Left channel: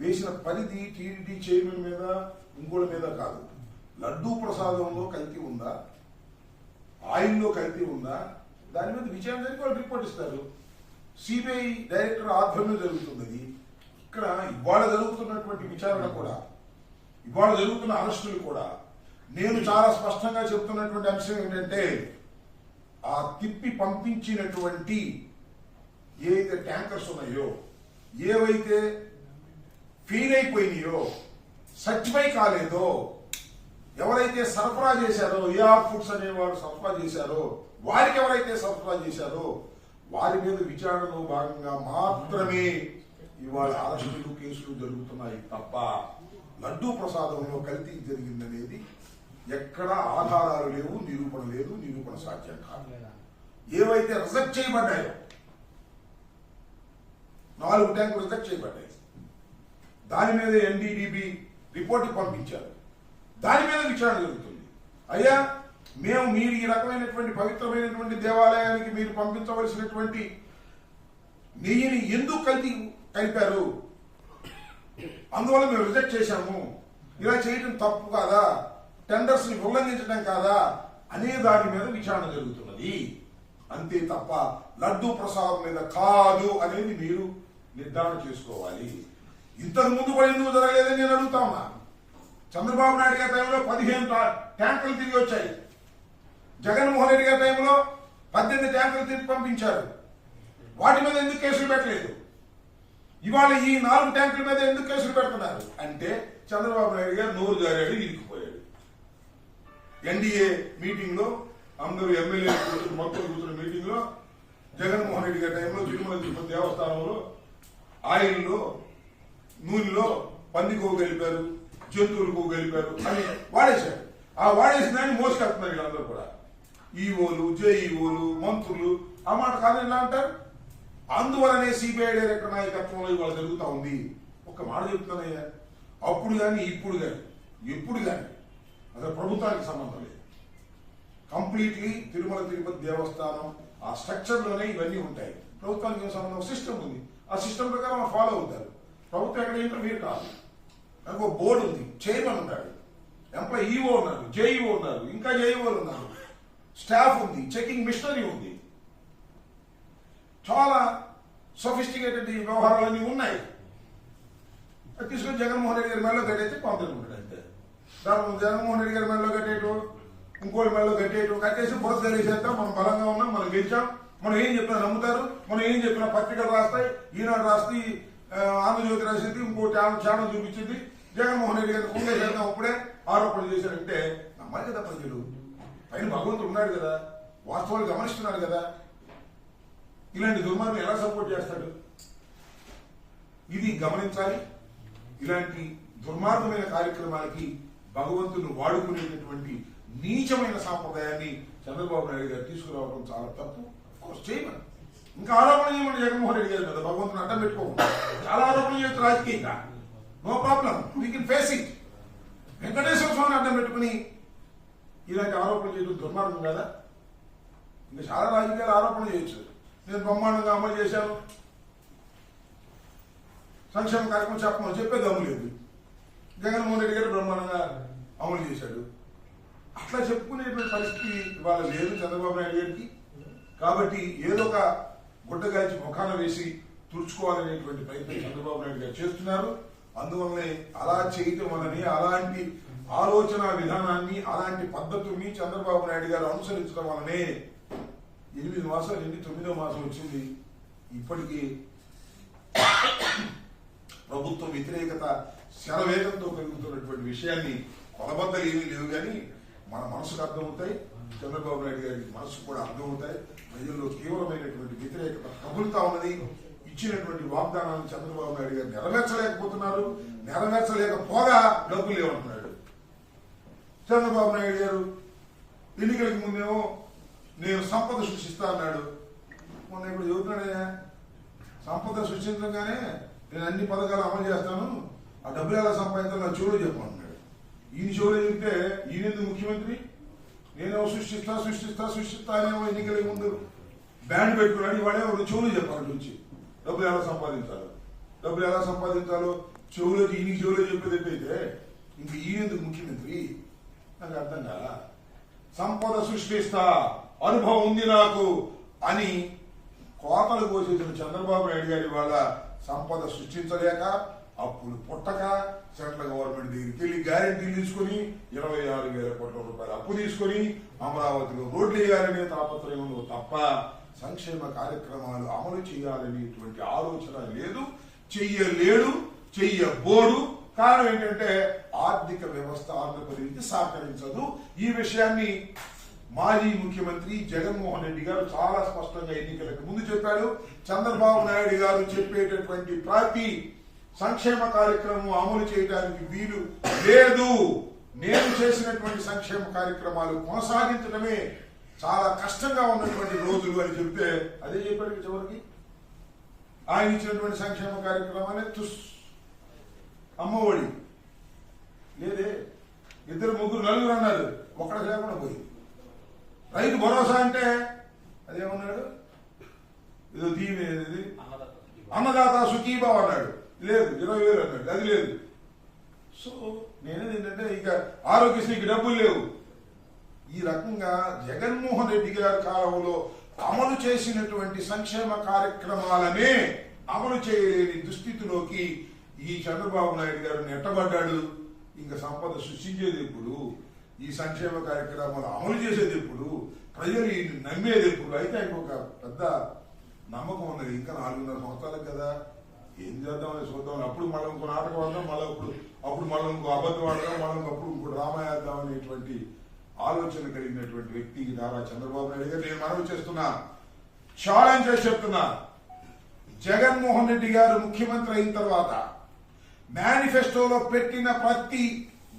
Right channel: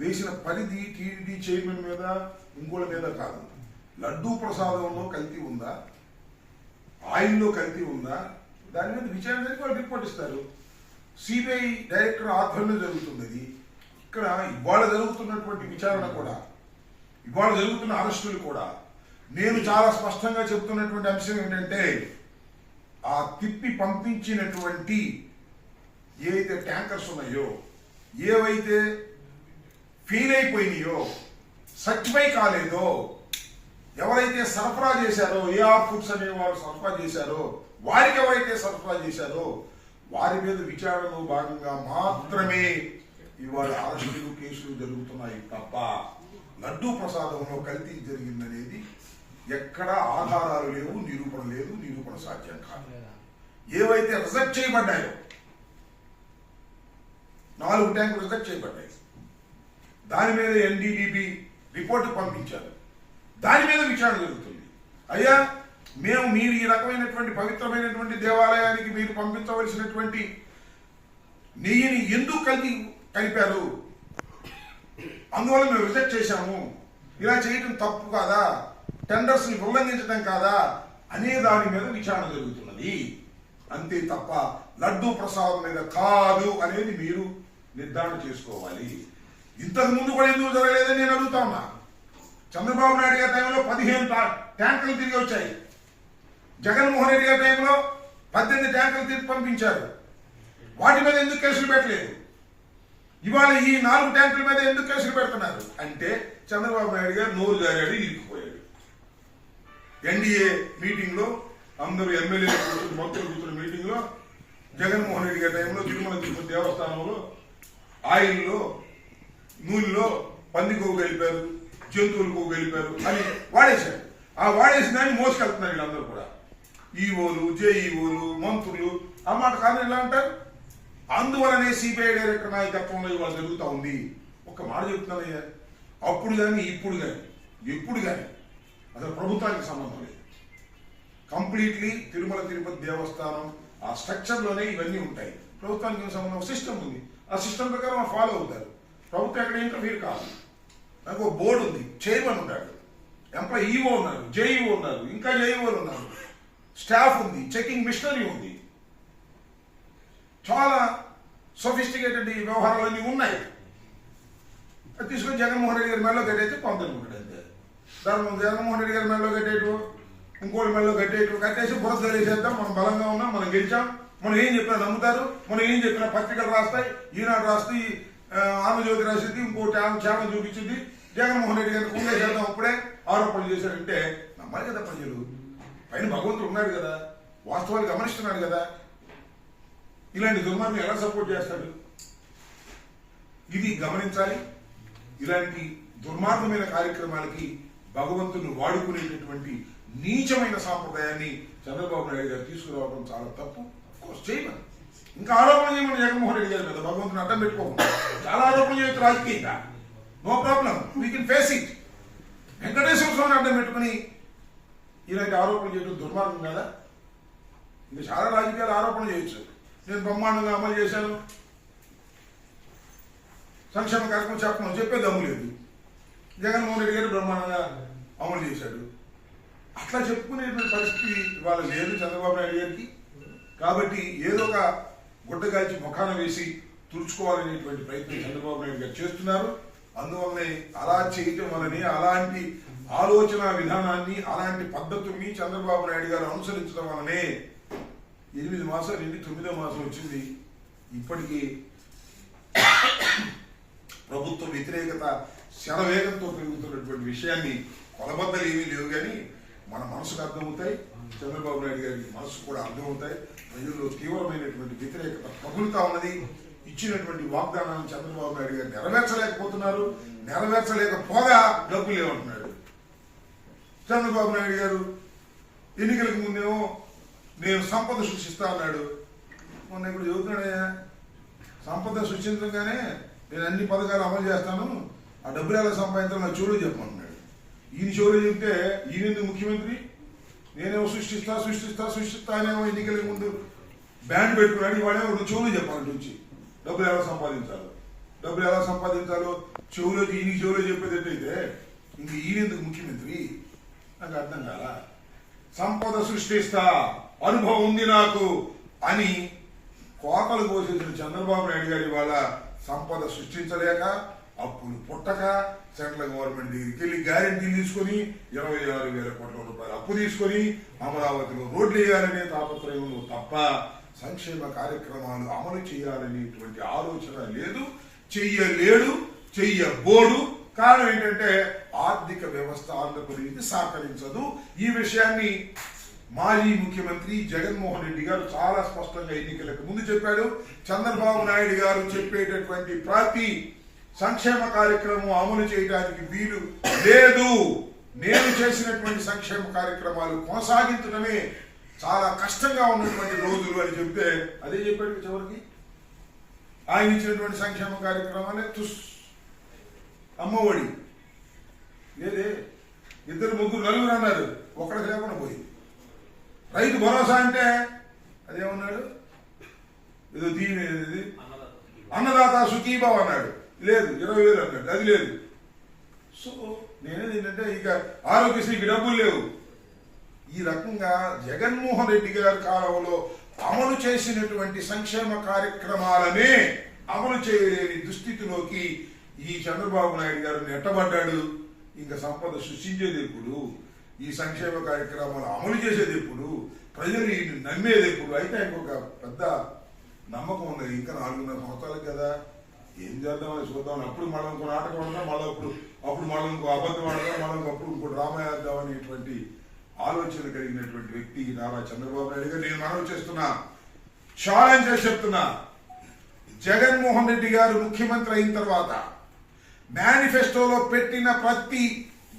వేసిన పరిధి TDP chairman మీద ఇంకోళ్ళ మీద కాదు. లడ్డూ ప్రసాదంలో కల్తీ ఉందా, ఆయిల్లో కల్తీ ఉందా, దాని మీద విచారణ జరిగి వాళ్ళు రిపోర్ట్ ఇస్తారు. సిబిఐ డైరెక్టర్ ఆధ్వర్యంలో జరుగుతున్నది. ఇక్కడ ఇవాళ జరుగుతున్నటువంటి విచారణ కూడా, ఇవాళ జరుగుతున్న అరెస్టులు కూడా నేను చాలా స్పష్టంగా చెబుతున్నటువంటి అంశం ఏంటంటే, ఆ తిప్పి పంపించినటువంటి ఏవైతే ట్యాంకర్స్ ఉన్నాయో, ఏవైతే ఫెయిల్ అయిపోయినాయో, సర్టిఫై కాలేదో, ఎవరైతే సరఫరా చేశారో, ఏఆర్ ఫుడ్స్ అనే వారు సరఫరా చేశారో, వారికి ఎవరైతే సరఫరా చేశారో వారి మీద విచారణలో భాగంగా మాత్రమే ఇవాళ అరెస్టులు కేసులు జరుగుతున్నాయి తప్ప లడ్డూ ప్రసాదంలో కల్తీ జరిగిందనేది ఎక్కడ ఆధారాలు లేవు, నిరూపణ లేదు, నిరూపణ సాధ్యం కాదు. ఏవైతే రిజెక్ట్ చేయబడ్డాయో 4 ట్యాంకులు రిజెక్ట్ చేయబడ్డాయి, దాని మీద ఎన్డీడీబీ రిపోర్టు పంపించారు, దాని మీద విచారణ జరుగుతుంది. అయ్యా మీరు ఈ రకమైనటువంటి పవిత్రమైనటువంటి దేవాలయానికి మీరు పంపించవలసినటువంటి నెయ్యిని ఎందుకు కలిపారు, అందువల్ల మేము రిజెక్ట్ చేశాము, ఇలా చేయడం తప్పు కాదా, టెండర్స్ ని ఉల్లంఘించడం కాదా అనే దాని మీద విచారణ జరుగుతున్నది. అంతే తప్ప లడ్డూ ప్రసాదం మీద కాదు అనేది మీరు నిర్ధారణ చేసుకోవాలి. ఇంతకు ముందు కూడా ఎందుకు జరగలేదని నేను అడుగుతా ఉన్నా. చంద్రబాబు నాయుడు గారి టైంలో 15 ట్యాంకులు తిరిగి వచ్చాయి. జగన్మోహన్ రెడ్డి గారి టైంలో 18 ట్యాంకులు తిరిగి పంపించారు. వాటి మీద ఎందుకు కేసులు పెట్టలేదు? ఇవాళ ఈ 4 ట్యాంకుల మీద ఎందుకు కేసులు పెడుతున్నారు అంటే చంద్రబాబు నాయుడు గారు నోరు జారాడు, ఇరికిపోయాడు. ఎన్డీఏ మీటింగ్ లో అందరూ ఎమ్మెల్యేలు భక్తులు కూర్చున్న మీటింగ్ లో జగన్మోహన్ రెడ్డి గారి టైంలో తిరుమల తిరుపతి దేవస్థానంలో ఆయిల్లో నూనెలో పంది కొవ్వు కలిపారు, జంతువులు కొవ్వు కలిపారు అని వాడేశారు. ఆ వాడేసిన దాన్ని మోసుకెళ్తున్నారు వీళ్ళందరూ కూడా. ఈఓలు, జేఈఓలు, మంత్రులు ఆ మాట కాదని ఇలా అంటారు. అందువలనే సిబిఐ డైరెక్టర్ నాయకత్వంలో ఇవాళ జరుగుతూ ఉంది. ఒక మాట చెప్తున్నానయ్యా, అప్పుడు కానీ ఇప్పుడు కానీ ఎప్పుడు కానీ అసలు ప్రభుత్వానికి సంబంధం లేదు. కంప్లీట్లీ తిరుమల తిరుపతి దేవస్థానం ఆ స్ట్రక్చర్లోనే ఇవన్నీ ఉంటాయి. ప్రభుత్వానికి సంబంధం సిస్టమ్ ఉంది, ఆ సిస్టమ్ ప్రకారం ఫాలో అవుతారు. ప్రభుత్వం ఎక్కడ ఇంటర్ఫీర్ కాదు. నాకు ఒక బోర్డు ఉంది, చైర్మన్ ఉన్నాడు, ఎంప్లాయీ ఈఓ ఉన్నారు, జేఈఓ ఉన్నారు, ఇంకా జేఈఓలు ఉన్నారు, స్టాఫ్ ఉంది, చెకింగ్ మిషనరీ ఉంది, చాలా సొఫిస్టికేటెడ్ వ్యవహారాలన్నీ ఉన్నాయి. అది తీసుకొని జగన్మోహన్ రెడ్డి గారి మెడలో కట్టేసి పంపుతున్నాడు అంతే. దాని జగన్మోహన్ రెడ్డి గారి మెడలో కట్టేయటం, ఇంకోటి మెడలో కట్టేయటం, కట్టేసి బురద తెలియజేద్దాం, మనం బలంగా ఉన్నాం, మనం గెలిచాం, మనం ఏం చెప్పినా నమ్ముతారు, మనం ఏం చెప్పినా పత్రికలు రాస్తాయి, ఈనాడు రాస్తే ఆంధ్రజ్యోతి రాసింది, ఇంకోటి ఛానల్ చూపించింది, జగన్మోహన్ రెడ్డి గారిని కుంగే చేద్దాం అప్పుడే ఆరోపణలు చేశారంటే నమ్మాలి కదా ప్రజలు. పైన భగవంతుడు ఉన్నాడు కదా, వాస్తవాలు గమనిస్తున్నాడు కదా. ఇలాంటి దుర్మార్గం ఎలా సపోర్ట్ చేస్తాడు? ఇది గమనించాలి. ఇలాంటి దుర్మార్గమైన కార్యక్రమాలకి భగవంతుని వాడుకునేటటువంటి నీచమైన సాంప్రదాయాన్ని చంద్రబాబు నాయుడు గారు తీసుకురావడం చాలా తప్పు. చేయమని ఇంకా ఆరోపణ చేయమని జగన్మోహన్ రెడ్డి గారి మీద భగవంతుని అడ్డం పెట్టుకోకుండా చాలా ఆరోపణలు చేయొచ్చు రాజకీయంగా, no problem, we can face it. Venkateswara స్వామిని అడ్డం పెట్టుకుని ఇలాంటి ఆరోపణలు చేయడం దుర్మార్గం కదా. ఇంకా చాలా రాజకీయాలు ఆరోపణ చేయొచ్చు. నేను బ్రహ్మాండంగా అమలు చేశాను, సంక్షేమ కార్యక్రమం చెప్పమని చెప్పే దమ్ము లేదు. జగన్మోహన్ రెడ్డి గారు బ్రహ్మాండంగా అమలు చేశాడు. అట్లా చెప్పుకునేటువంటి పరిస్థితి ఇవాళ లేదు చంద్రబాబు నాయుడు గారికి. కాబట్టి ఏదో ఒక గుడ్డగాల్చి ముఖాన వేసి తుడుచుకోవాలనేటువంటి ప్రయత్నం చంద్రబాబు నాయుడు గారు చేస్తున్నారు. అందువల్లనే అలా చేయటం వల్లనే, అలాంటి ఆలోచన విధానాన్ని, అలాంటి పద్ధతుల్ని చంద్రబాబు నాయుడు గారు అనుసరించడం వల్లనే 8 మాసాలు నుండి 9వ మాసం వచ్చింది. ఇప్పటికీ ప్రభుత్వ వ్యతిరేకత శరవేగంతో పెరుగుతున్నటువంటి విషయాన్ని కొలబద్దలు ఏమీ లేవు, కానీ మన మనసుకు అర్థమవుతాయి, చంద్రబాబు నాయుడు గారి మనసు కూడా అర్థమవుతాయి. ప్రజల్లో తీవ్రమైనటువంటి వ్యతిరేకత ప్రబలుతా ఉన్నది. ఇచ్చినటువంటి వాగ్దానాలను చంద్రబాబు నాయుడు గారు నెరవేర్చలేకపోతున్నారు. నెరవేర్చలేకపోగా డబ్బులు లేవంటున్నాడు చంద్రబాబు నాయుడు గారు. ఎన్నికలకు ముందేమో నేను సంపద సృష్టిస్తా అన్నాడు. మొన్న ఇప్పుడు చెబుతున్నాడయ్యా, సంపద సృష్టించగానే నేను అన్ని పథకాలు అమలు చేస్తాను, ఆ డబ్బులు ఎలా సంపాదించాలో నా చెవులో చెప్పమన్నాడు. ఈయన చెవులో చెప్తే ఈయనెందుకు ముఖ్యమంత్రి, నేనేమో సృష్టిస్తా అనేమో ఎన్నికల ముందు బ్యాండ్ పెట్టుకున్నాడు. ఇవాడేమో చెవులు చెప్పాలి నుంచి డబ్బులు ఎలా సంపాదించాలి, డబ్బులు ఎలా సంపాదించాలో ఈయన చెవులో చెప్పేటట్టయితే ఇంక ఈయనెందుకు ముఖ్యమంత్రి నాకు అర్థం కాల. సంపద సృష్టిస్తా, అనుభవం ఉంది నాకు అని కోతలు కోసేసిన చంద్రబాబు నాయుడు గారి వాళ్ళ సంపద సృష్టించలేక, అప్పులు పుట్టక, సెంట్రల్ గవర్నమెంట్ దగ్గరికి వెళ్ళి గ్యారెంటీలు తీసుకుని 26,000 కోట్ల రూపాయలు అప్పు తీసుకొని అమరావతిలో రోడ్లు వేయాలనే తాపత్రయంలో తప్ప సంక్షేమ కార్యక్రమాలు అమలు చేయాలనేటువంటి ఆలోచన లేదు, చెయ్యలేడు, చెయ్యబోడు. కారణం ఏంటంటే ఆర్థిక వ్యవస్థ ఆంధ్రప్రదేశ్ సహకరించదు. ఈ విషయాన్ని మాజీ ముఖ్యమంత్రి జగన్మోహన్ రెడ్డి గారు చాలా స్పష్టంగా ఎన్నికలకు ముందు చెప్పాడు. చంద్రబాబు నాయుడు గారు చెప్పేటటువంటి ప్రతి సంక్షేమ కార్యక్రమం అమలు చేయడానికి వీలు లేదు. నేను చేసినటువంటి సంక్షేమ కార్యక్రమాలు కొనసాగించడమే చాలా కష్టంగా ఉన్నటువంటి రోజులు అని చెప్తే అదే చెప్పాడు. చివరికి ఆయన ఇచ్చినటువంటి సంక్షేమ కార్యక్రమాలే అమ్మఒడి లేదే, 2, 3, 4 అన్నారు, ఒక్కడికి లేకుండా పోయింది. రైతు భరోసా అంటే అదేమన్నాడు, ఏదో దీని అన్నదాత సుఖీభావ్ అన్నాడు, లేదు 20,000 అన్నాడు, అది లేదు. సో నేనేది ఏంటంటే ఇక ఆరోగ్యశ్రీకి డబ్బులు లేవు. ఈ రకంగా జగన్మోహన్ రెడ్డి గారి కాలంలో అమలు చేసినటువంటి సంక్షేమ కార్యక్రమాలనే అమలు చేయలేని దుస్థితిలోకి ఈ చంద్రబాబు నాయుడు గారు నెట్టబడ్డాడు. ఇంకా సంపద సృష్టించేది ఎప్పుడు, ఈ సంక్షేమ కార్యక్రమాలు అమలు చేసేది ఎప్పుడు, ప్రజలు నమ్మేది ఎప్పుడు? అయితే ఆయనకు ఒక పెద్ద నమ్మకం ఉన్నది, ఇంకా 4.5 సంవత్సరాలు కదా, ఏం చేద్దామని చూద్దామని. అప్పుడు మళ్ళీ ఇంకో నాటకం ఆడదాం, అప్పుడు మళ్ళీ ఇంకో అబద్ధం ఆడదాం, మళ్ళీ అప్పుడు ఇంకో డ్రామా వేద్దాం అనేటువంటి ఆలోచన కలిగినటువంటి వ్యక్తి నారా చంద్రబాబు నాయుడు గారు. నేను మనవి చేస్తున్నా, ఛాలెంజ్ చేసి చెప్తున్నా, జగన్మోహన్ రెడ్డి గారు ముఖ్యమంత్రి అయిన తర్వాత మేనిఫెస్టోలో పెట్టిన ప్రతి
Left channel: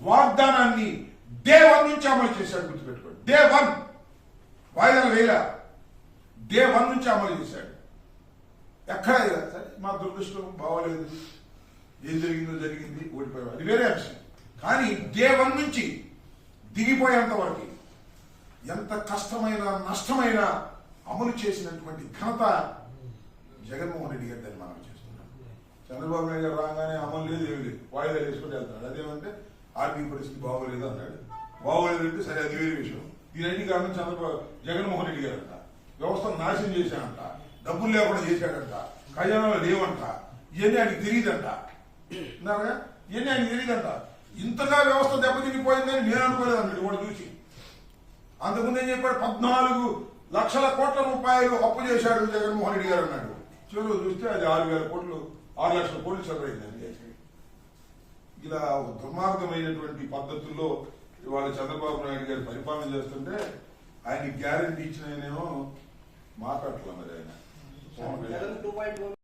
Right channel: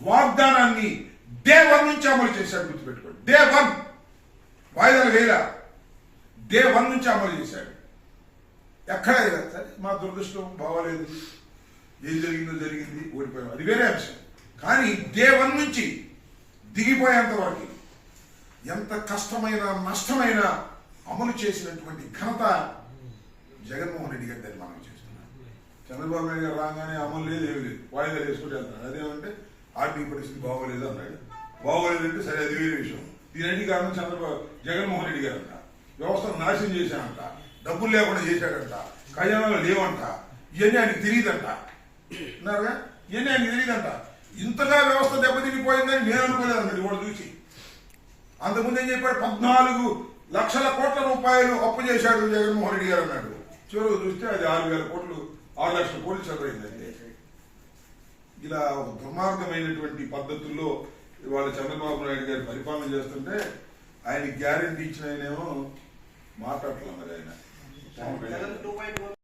వాగ్దానాన్ని డే 1 నుంచి అమలు చేశాడు. గుర్తుపెట్టుకోండి, డే 1 వాయిదాలు వేల డే 1 నుంచి అమలు చేశాడు. ఎక్కడ సరే మా దురదృష్టం బాగోలేదు, ఏం జరిగింది, ఓడిపోయాడు, అది వేరే అంశం. కానీ డే 1 నుంచి దిగిపోయేంత వరకు ఎంత కష్టమైన నష్టమైన అమలు చేసినటువంటి ఘనత జగన్మోహన్ రెడ్డి గారి దాన్ని మనం చేస్తున్నాం. చంద్రబాబు నాయుడు గారు రాగానే అమలు లేదు, ఏమి లేదు, వాయిదా వేసుకుంటే వెళ్తున్నాడు. అదేమంటే ఆర్థిక పరిస్థితి బాగోలేదు అన్నాడు. బాగోలేదంటే సరే, అది వేరే విషయం. దీని కారణం జగన్మోహన్ రెడ్డి గారు అంట, వ్యవస్థను నాశనం చేశాడంట, డబ్బులు లేకుండా చేశాడంట, ఖజానాలు లేవంట, ఇవన్నీ ఆయనకు తెలియదంట. విన్నారుగా, ఇవన్నీ ఆయనకు తెలియదంట. ఇంతగా వ్యవస్థ దెబ్బతినిపోయిందని నేను అనుకోలేదు అన్నాడు వాడు చూసి. అంతకుముందు ఏం చెప్పాడు, 14 లక్షల కోట్ల రూపాయలు అప్పు చేశాడు జగన్మోహన్ రెడ్డి గారు అన్నాడు. చివరి చూస్తే అది 6,000 కోట్లు, 6 లక్షల కోట్లు చదవైందండి. ఇలా ఒక దుర్మార్గమైనటువంటి పద్ధతుల్లో ఇవాళ చంద్రబాబు నాయుడు గారు పరిపాలన చేస్తుంటే ఆయన గ్యారెంటీ ఇచ్చిన ఆయనేమో మాట్లాడట్లా. మరి ఆయన